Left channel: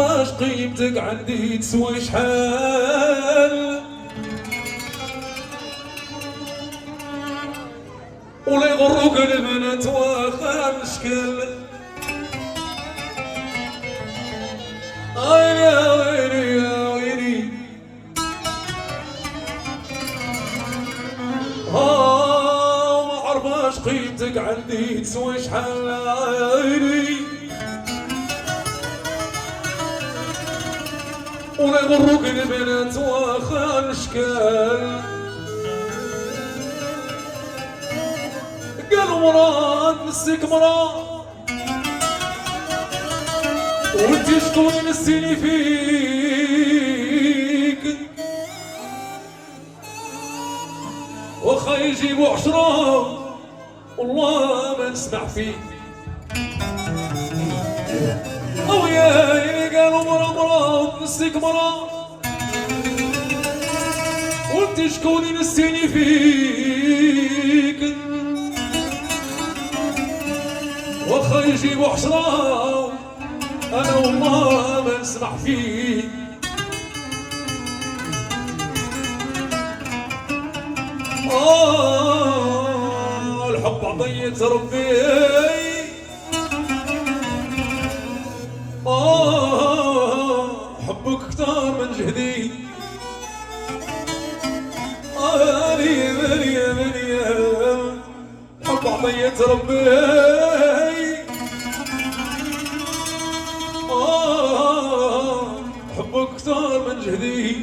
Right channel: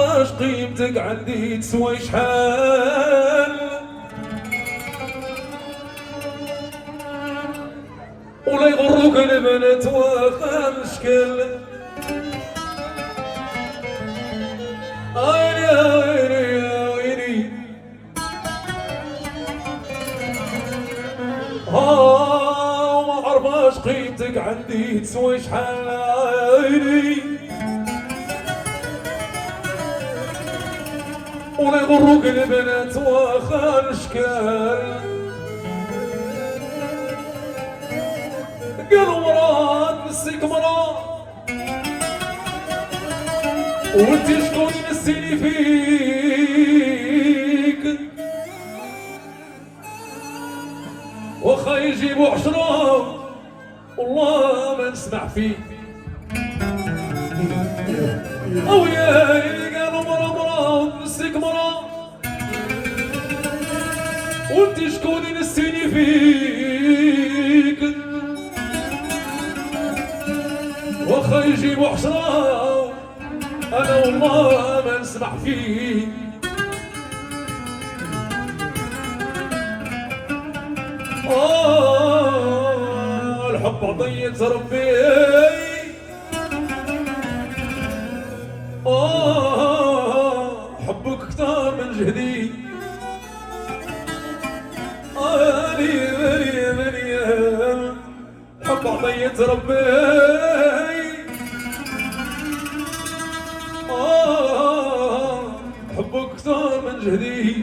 اش قيمتك عندي تسوى شحال ولا يغروك البنات واخا مشكل عيني عيني عيني ما عرفاش قيمتك عندي تسوى شحال عيني ولا يغروك البنات واخا الاشكال قالوا مراد نسيك مراد وانت شكون نسيني فيك واخا يجيبوا 10 والله ما نسمع فيك او يا قالوا مراد نسيك مراد وانت شكون نسيني فيك واخا يجيبوا 10 انا والله ما نسمع فيه الحب عطية ربي حبك كتار من جهدي مالي حب عطية ربي حبك كتار من جهدي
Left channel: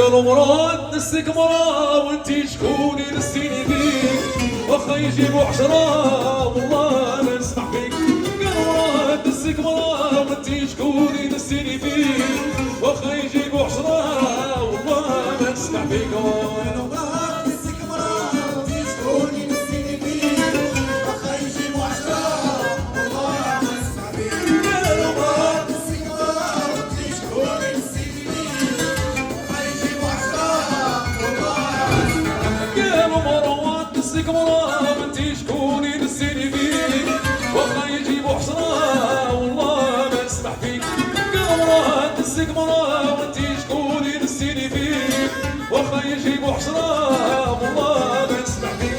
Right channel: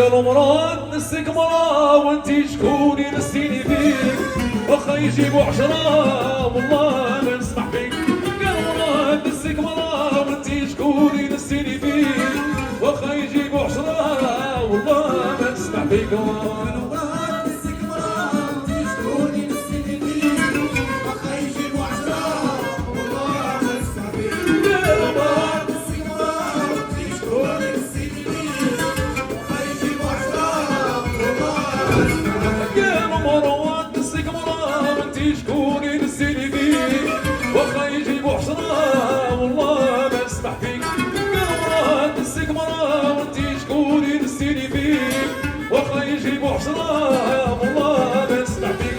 قالوا مراد نسيك مرا وانتي شكوني نسيني بيك واخا يجيبوا 10 والله ما نسمع فيك قالوا مراد نسيك مرا وانتي شكوني نسيني بيك واخا يجيبوا 10 والله ما نسمع فيك شكوني نسيني فيك واخا يجيبوا 10 والله ما نسمع فيك قال مراد نسيك مرا وانتي شكوني نسيني فيك واخا يجيبوا 10 والله ما نسمع فيك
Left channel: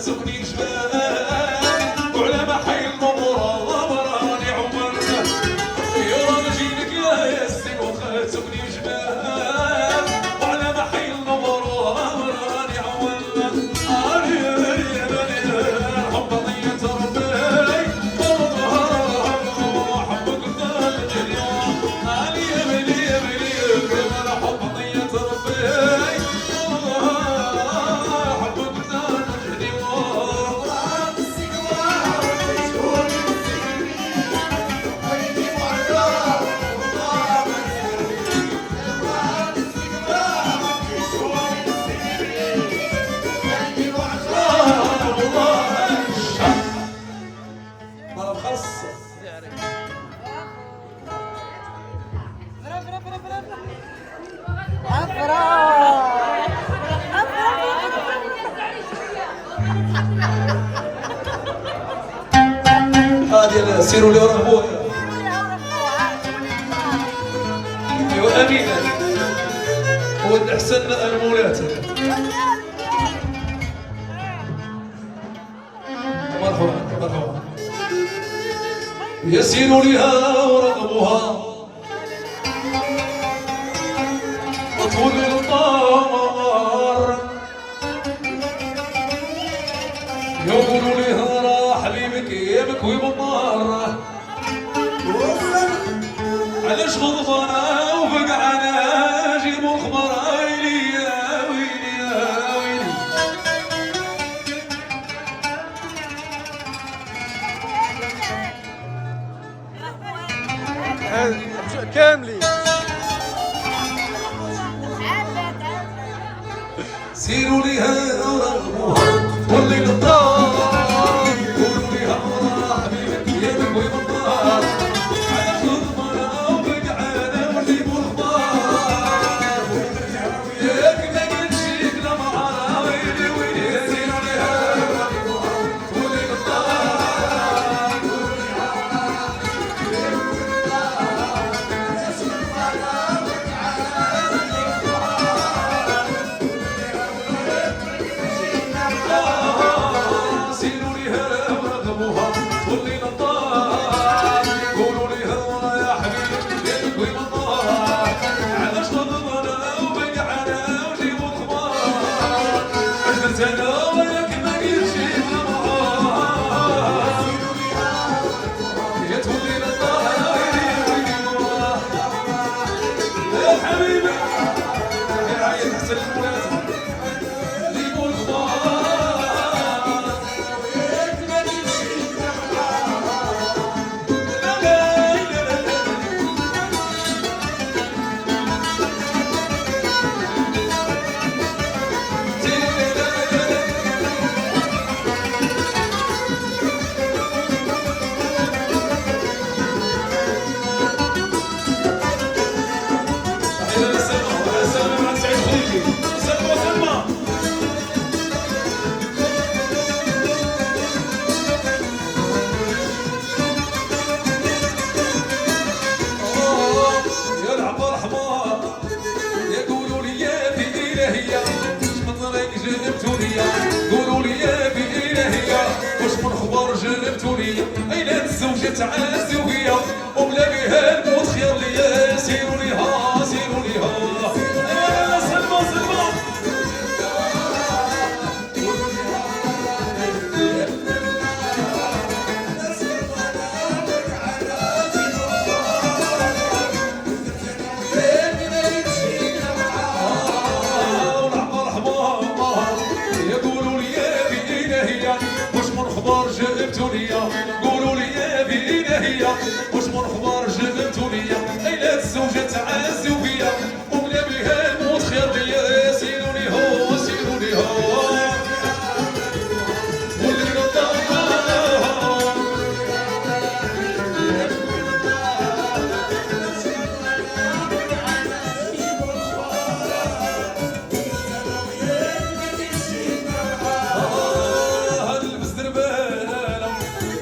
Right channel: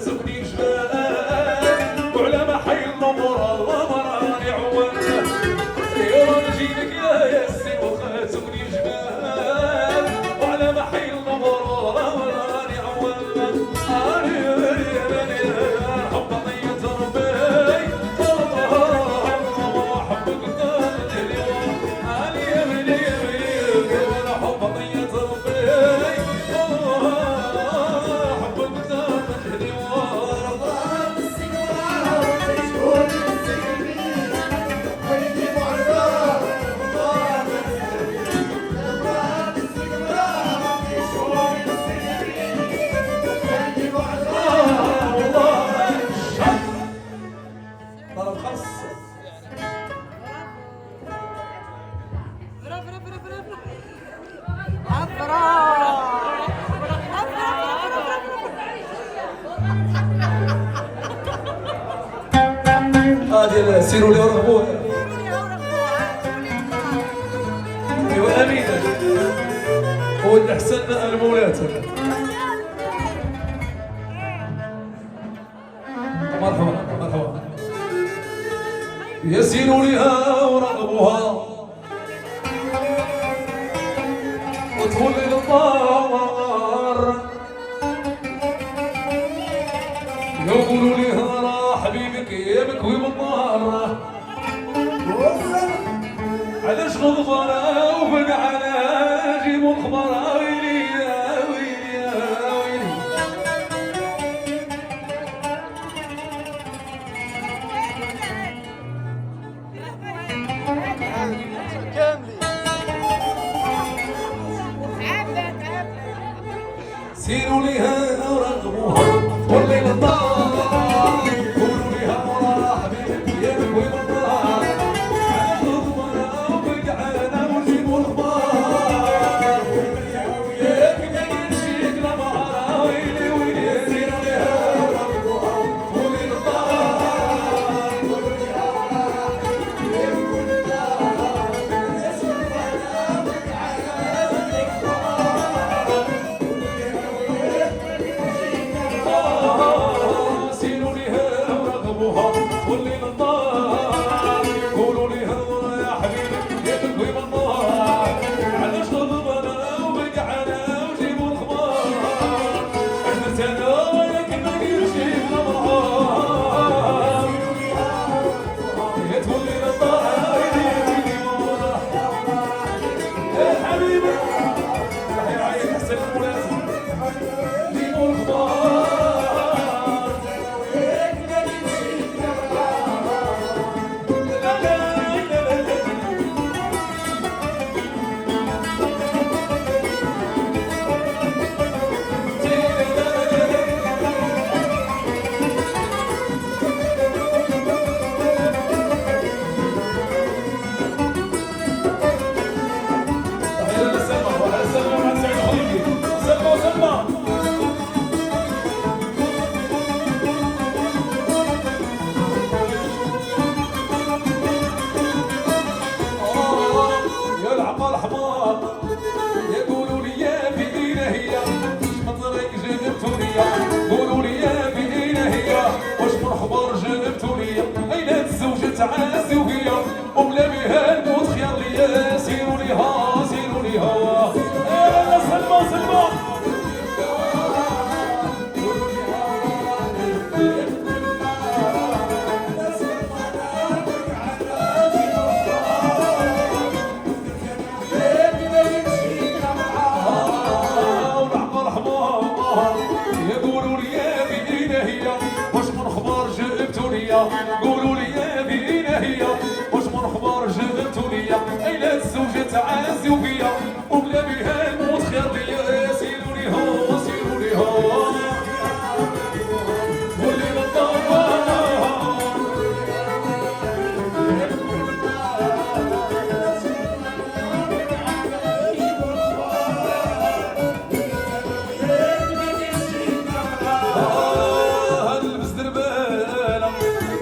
سكني جبال وعلى ما حي النور الله راني عول يا رجيلك يا سين وخا سكني جبال وعلى ما حي النور الله راني عول حب ضية ربي حبك دار اليوم يا بلي يا بلي حب ضية ربي هذه سيروا لي ورغبوها. ايوا امينه هو الاحسن المولات. مرحبا مرحبا. يسيروا لها ورغبوها وطول النار يقولوا لها راه حبيبك يبكوي بالنار علاش غضبنا وفقعنا جيبوا الخبر ويلي يا ويلي يا ويلي. كاملين سيروا لها ورغبوها والليل الطار قولوا لها مرا حبيبك يبكوي بالنار علاش غضبنا وفقعنا وجيبوا الخبر ياك ما قلتشيك لا مرا ويلي ويلي. سيروا لها ورغبوها والليل الطار قولوا لها يبكوي بالنار علاش غضبنا سيروا لها ورغبوها والليل النار قولوا لها يا حبيبي يبكوي بالنار علاش غضبنا وبقعنا وجيبوا الخبار عشت انا وياك ما قلتش لا مرة يا تولي للطار ويلي ويلي مرة يا حبيبي يا عيل حسن المولات جيبوا الخبار يقولوا لي يا في إلهية شمطرك جبتوني قولوا لي يا في إلهية واش من خبر جبتوني أين الزوجة تعاسي وهي وبلا بها الموت خير ليا. سيروا ليها سيروا ليها يا سلمى سلمى قولوا لي يا بينا هي واش من خبر جبتوا ليا أين الزوجة تعاسي وفيا وبلا بها الموت خير ليا. سيروا ليها سيروا ليها واللي غطاها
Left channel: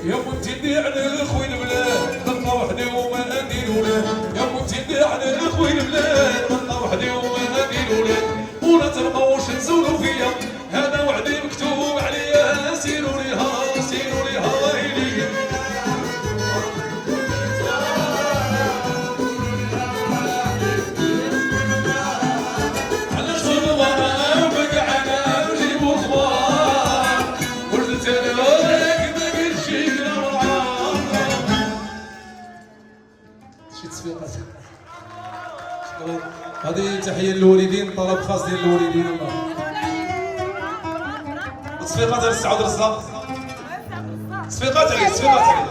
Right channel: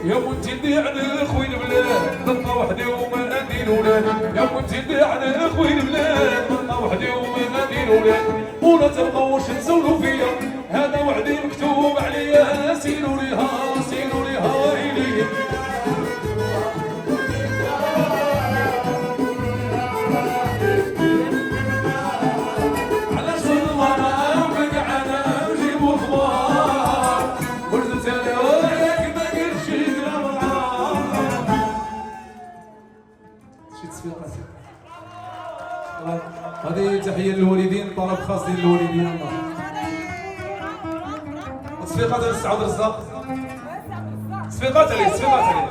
يا ونتي على خوي البلاد نبقى وحدي وما ندير ولاد. يا ونتي على خوي البلاد نبقى وحدي وما ندير ولاد ولا تبقاوش تزولوا فيا هذا وعدي مكتوب عليا. تصفيقات. شكرا. هذه تحيه للوالدين، طلب خاص ديال الوالدين. الله تصفيقات على السعود الرزاق. تصفيقات عليه، تصفيقات عليه.